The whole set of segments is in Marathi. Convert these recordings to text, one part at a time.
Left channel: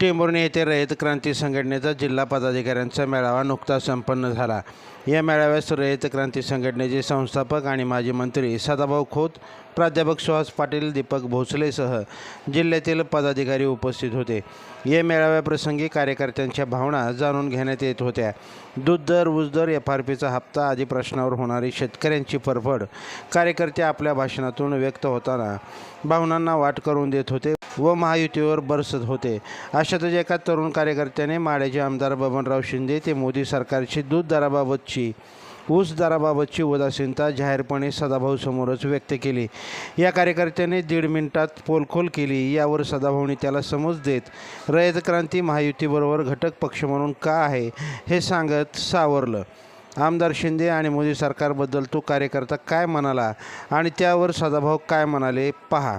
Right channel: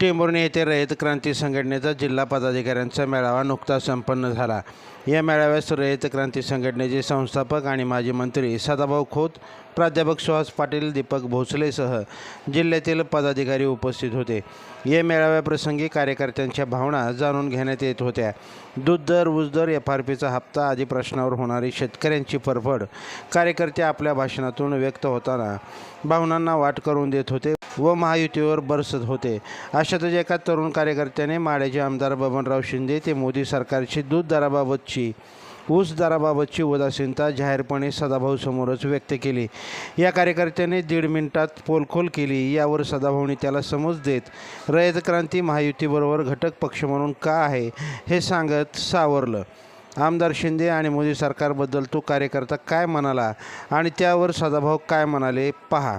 टेंभुर्णी येथे रयत क्रांती संघटनेचा जिल्हा पदाधिकाऱ्यांचा मेळावा नुकताच संपन्न झाला. या मेळाव्यास रयत क्रांती संघटनेचे संस्थापक आणि माजी मंत्री सदाभाऊ खोत प्राध्यापक सुहास पाटील दीपक भोसलेसह जिल्ह्यातील पदाधिकारी उपस्थित होते. या मेळाव्याप्रसंगी कार्यकर्त्यांच्या भावना जाणून घेण्यात येत होत्या. दूध दर ऊस दर एफ आर पीचा हप्ता आदी प्रश्नावर होणारी शेतकऱ्यांची फरफड कार्यकर्ते आपल्या भाषणातून व्यक्त होताना भावनांना वाट करून देत होते. व महायुतीवर बरसत होते. अशातच एका तरुण कार्यकर्त्याने माड्याचे आमदार बबनराव शिंदे ते मोदी सरकारची दूध दराबाबतची ऊस दराबाबतची उदासीनता जाहीरपणे सदाभाऊ समोरच व्यक्त केली. या कार्यकर्त्याने दीड मिनिटात पोलखोल केली. यावर सदाभाऊने त्याला समज देत रयत क्रांती महायुतीबरोबर घटक पक्ष म्हणून का आहे हे सांगत सावरलं. आमदार शिंदे आणि मोदी सरकारबद्दल तो कार्यकर्ता काय म्हणाला आणि त्यावर सदाभाऊ काय म्हणाले पहा.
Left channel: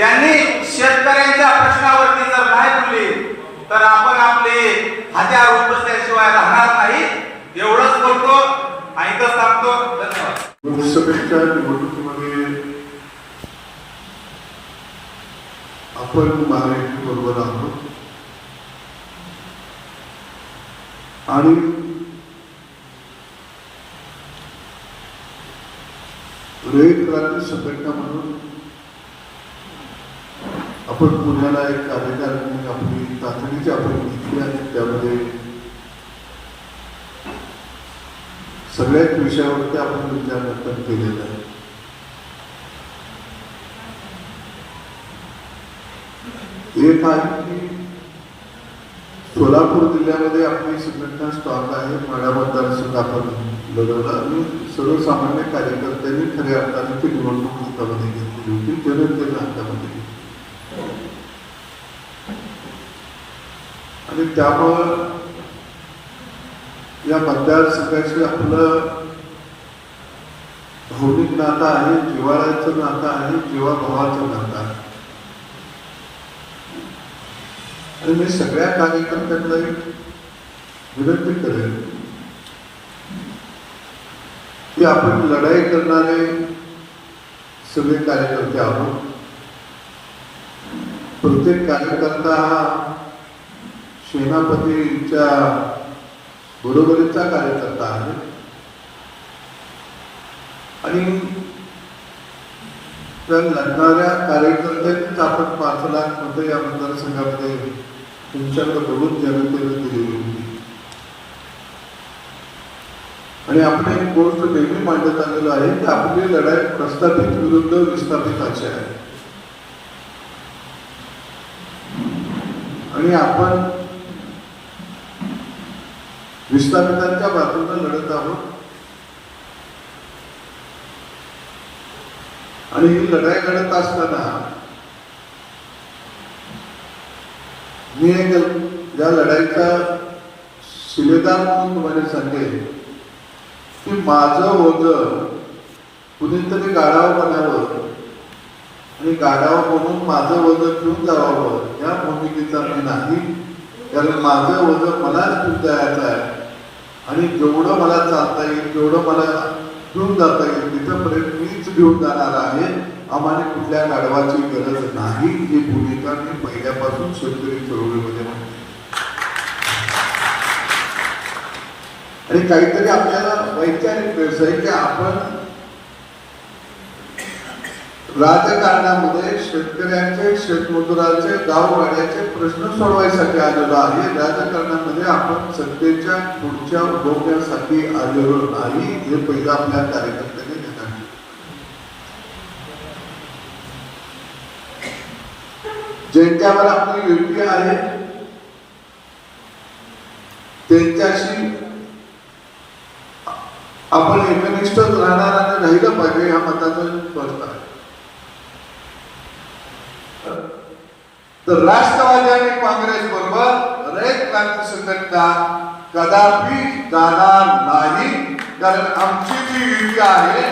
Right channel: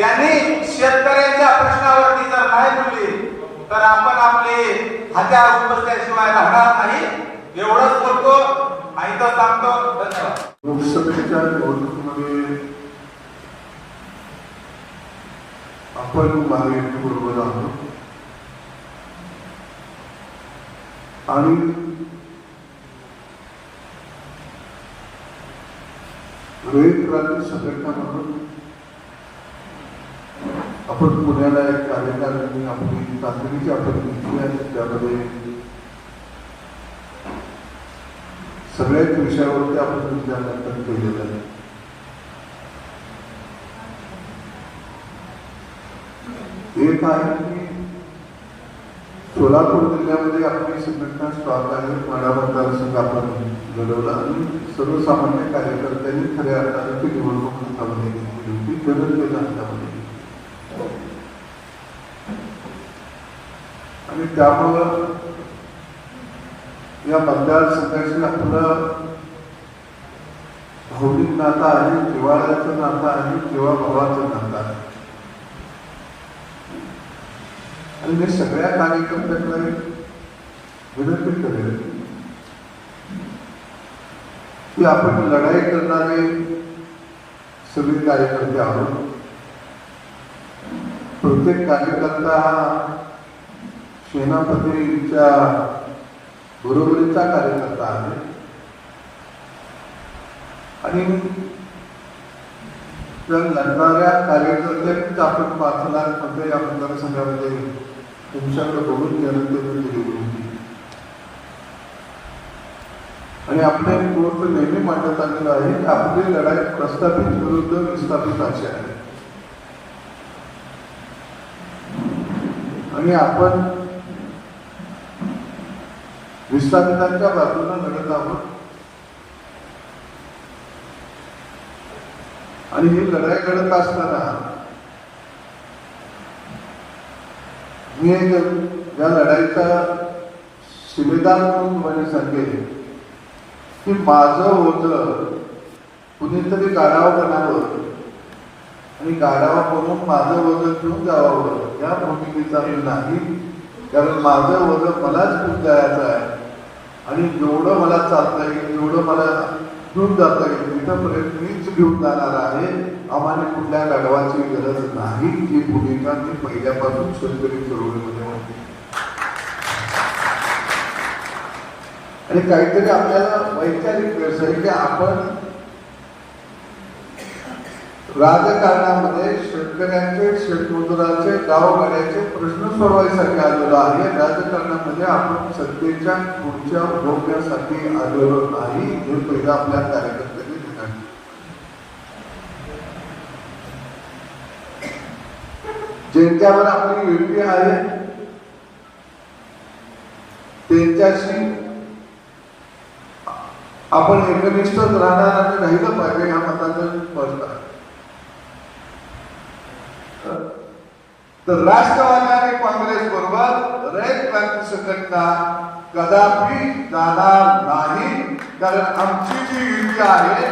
त्यांनी शेतकऱ्यांच्या प्रश्नावरती जर नाही बोलली तर आपण आपले हत्यार उपसल्याशिवाय राहणार नाही. एवढंच बोलतो. ऐकत सांगतो लोकसभेच्या निवडणुकीमध्ये आपण महाराष्ट्र बरोबर आहोत. आणि रोहित क्रांती संघटना म्हणून आपण पुण्याला एक कार्यकारिणी आपली तातडीची आपण घेतली आणि त्यामध्ये सगळ्याच विषयावरती आपण विचारमंथन केलेलं आहे. एक आहे की सोलापूर जिल्ह्यामध्ये आपली संघटना स्टॉक आहे माडा मतदारसंघ आपण लढवला आणि सर्वसामान्य कार्यकर्त्यांनी खऱ्या अर्थाने ती निवडणूक घेतली होती जनतेने हातामध्ये घेतली आणि त्यामुळं या मतदारसंघाशी आपलं भौतिक नातं आहे जिव्हाळ्याचं नातं आहे किंवा भावाचं नातं आहे. आणि मी सगळ्या कार्यकर्त्यांना एक विनंती करेन की आपण लढाई करणारे सगळे कार्यकर्ते आहोत. प्रत्येक कार्यकर्ता हा सेनापतीच्या बरोबरीचा कार्यकर्ता आहे. आणि तर लढणाऱ्या कार्यकर्त्यांनीच आपण पाच लाख रुपये या मतदारसंघामध्ये तुमच्याकडे बोलून जनतेने दिलेली होती. आणि आपण एक गोष्ट नेहमी मांडत आलेलो आहे की आपली लढाई प्रस्थापित विरुद्ध विस्थापित अशी आहे. आणि आपण विस्थापितांच्या बाजूने लढत आहोत. आणि ही लढाई लढत असताना मी एक या लढाईचा शिलेदार म्हणून तुम्हाला सांगेल की माझं ओझ कुणीतरी गाडावर बनावं आणि गाड्यावर बनवून माझं वजन घेऊन जावावं या भूमिकेचा मी नाही. कारण माझं वजन मलाच घेऊन जायचं आहे. आणि जेवढं मला चालता येईल जेवढं मला घेऊन जाता येईल तिथंपर्यंत मीच घेऊन जाणार आहे. आम्हाला कुठल्या गाडवाची गरज नाही. ही भूमिका मी पहिल्यापासून शेतकरी चळवळीमध्ये म्हणते आणि काहीतरी आपल्याला वैचारिक व्यवसाय की आपण राजकारणामध्ये शेतकऱ्यांचे शेतमजुरांचे गावगाड्याचे प्रश्न सोडवायसाठी आलेलो आहे. राजकारणामध्ये आपण सत्तेच्या पुढच्या भोग्यासाठी आलेलो नाही. हे पहिला आपल्या कार्यकर्त्यांनी दिलं ज्यांच्यावर आपली युती आहे त्यांच्याशी आपण एकनिष्ठ राहणार आणि राहिलं पाहिजे या मताचं स्पष्ट आहे. तर राष्ट्रवादी आणि काँग्रेस बरोबर रयत क्रांती संघटना कदापि जाणार नाही. कारण आमची जी युती आहे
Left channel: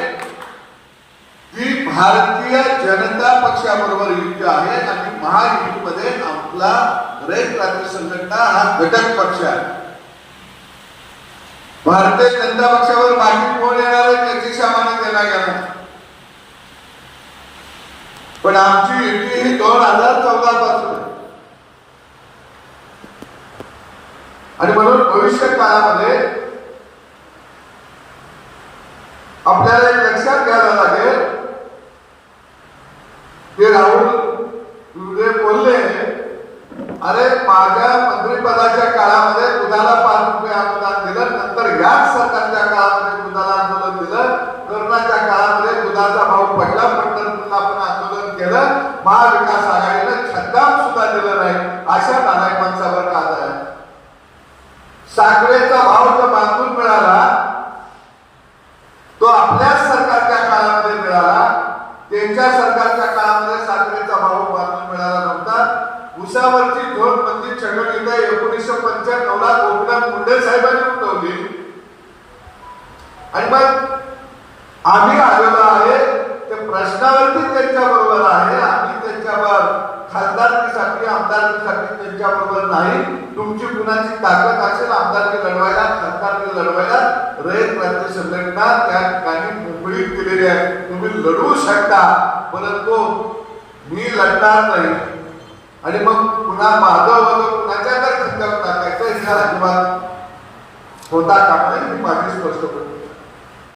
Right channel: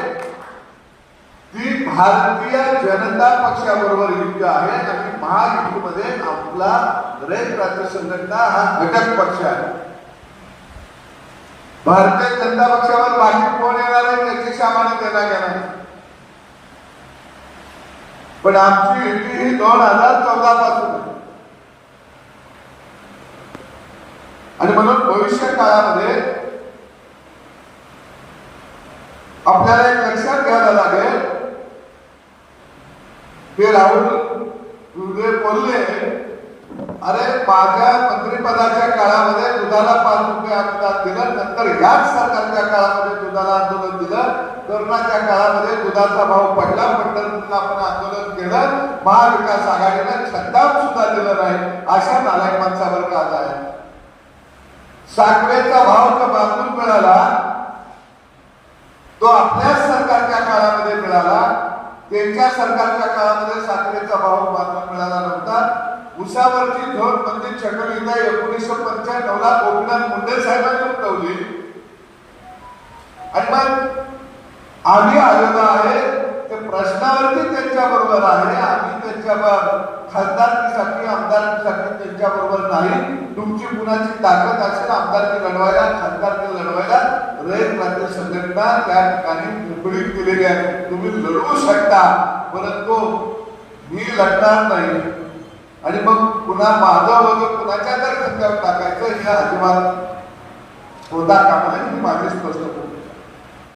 ती भारतीय जनता पक्षाबरोबर युती आहे आणि महायुतीमध्ये आपला रयत क्रांती संघटना हा घटक पक्ष आहे. भारतीय जनता पक्षावर बाकी कोण येणार त्याची सामान्य देणार पण आमची युती ही दोन हजार चौदा पासून आहे. आणि म्हणून भविष्य काळामध्ये आपल्याला एक लक्षात घ्यायला लागेल. की राहुल गुरुदेव बोलले अरे माझ्या मंत्रिपदाच्या काळामध्ये दुधाला पाच रुपये अनुदान दिलं? नंतर याच सरकारच्या काळामध्ये दुधाला आंदोलन दिलं? कोरोनाच्या काळामध्ये दुधाचा भाव पडला? पडला आपण आंदोलन केलं. महाग आघाडीनं छद्दाम सुद्धा दिलं नाही अशा नालायक माणसावर का आहे साखरेचा भाव जो मागून मिळाला तो सरकारच्या काळामध्ये मिळाला त्यांच्या सरकारच्या काळामध्ये साखरेचा भाव बांधून मिळाला नव्हता. उसावरची झोड बंदी एकोणीसशे पंच्याण्णव ला गोपीनाथ मुंडे साहेबांनी उठवली. आणि मग आम्ही आलेलो आहे ते प्रश्नावरती त्यांच्या बरोबर आहे आम्ही त्यांच्यावर खासदारकीसाठी आमदारकीसाठी त्यांच्या बरोबर नाही. तुमची कुणाची ताकद असेल आमदारकी लढवायला खासदारकी लढवायला रयत राज्य संघटना त्या ठिकाणी मुंबईत दिलेली आहे तुम्ही लढवू शकता परंतु मी लढणार नाही. आणि मग पुन्हा माझा वगैरे कुणाच्या तर टाकायचा? टाकायचं अजिबात होता कामा नाही मी माझी स्पष्ट